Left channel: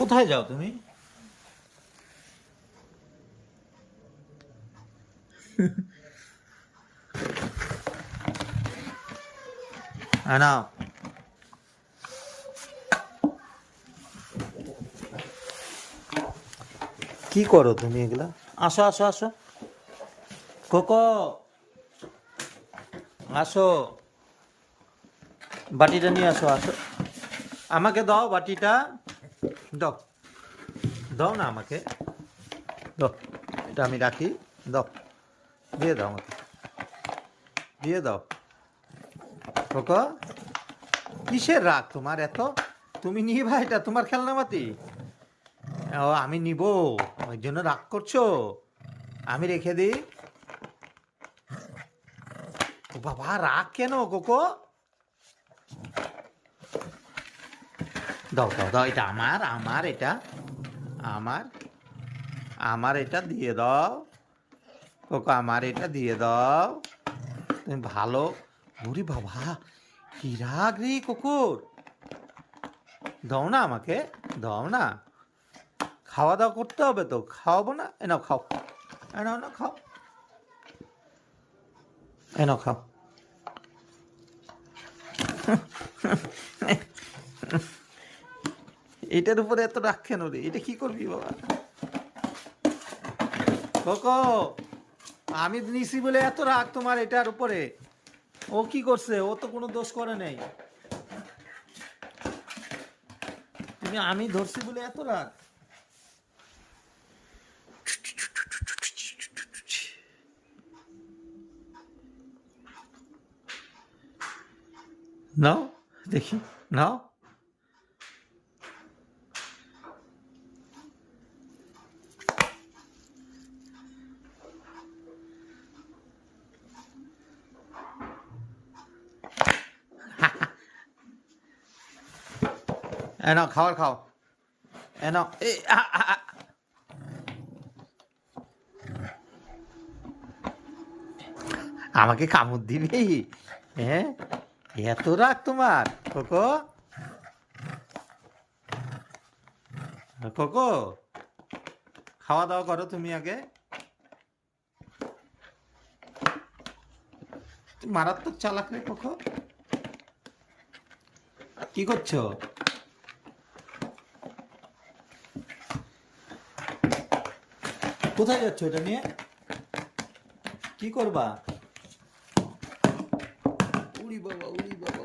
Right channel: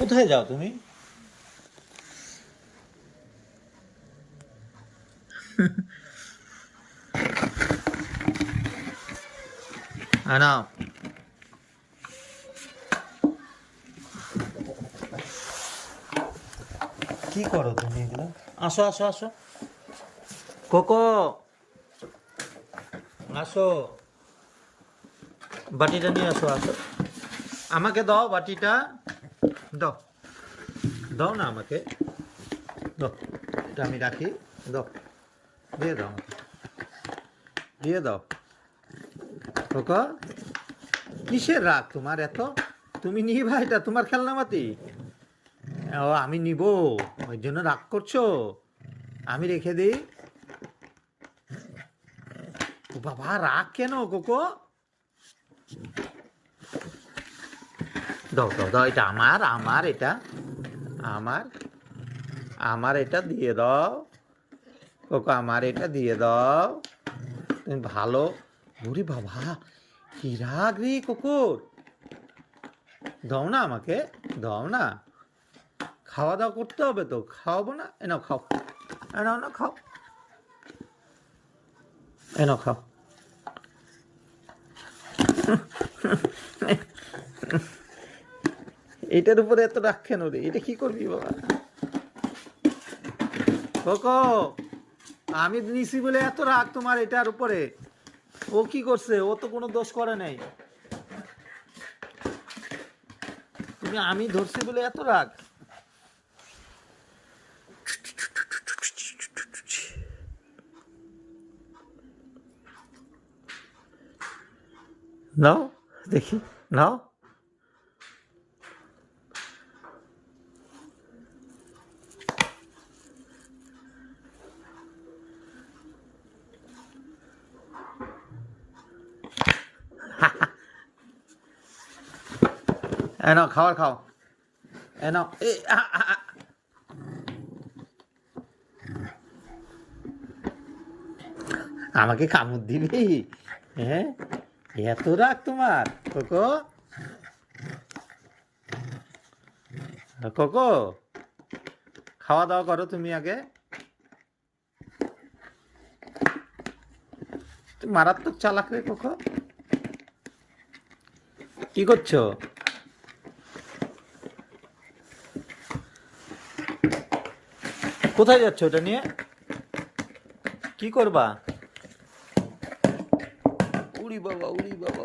কোথায় যাও তুমি? নাও, কি করো তুমি এগুলা? আসো আসো আসো, কোকো আসো, বাটিটা নিয়ে আসো। আসো, আমাকে দাও বাটিটা, দাও, দাও না আমাকে, দাও, এটা আমি রাখি, দাও, দিয়ে দাও আমাকে, দিয়ে দাও। কোকো, কিসের রাগ তোমার এত? তুমি নিবা, এটা তোমার খেলনা বাতি? ও, আমি নিব, ওই জন্য রাগ করছো? আমি রেখে দিই। ও বাবা, রাগ কেন কোকো? দাও দাও দাও, এটা আমার, আমার এটা আমার, আমার এটা দিয়ে দাও কোকো, আমার এটা দিয়ে দাও। তুমি ভালো, ওরে বাবা, কি রাগ রে কুকুর, দাও না আমাকে, দাও না। খাওয়া দাওয়া করতে হবে তো, খাওয়াবো না? এনাও খাও, এনাও না খাও, এনাও খাও। এটার উপরে এত রাগ কেন রে? এটা কি করবি বাবা? কোকো, আমি নিছি বলে এত রাগ তোমার এটার উপরে? ও কি করছে? ও তো কোনো দোষ করে নাই। তুমি, আমি ধরছি বলে এত রাগ? নাও দেখি, নাও। নাও খাবার খাও, নাও। আমাকে কামড় দিবি? হ্যাঁ, এত রাগ তোমার কোকো? কোকো, খাওয়া দাওয়া করো তুমি আগে। তুমি মারাত্মক চালাক রে কোকো, কি করছো? কোথায় যাচ্ছ এটা নিয়ে? কি করবা? উড়ি বাবা, উড়ি বাবা।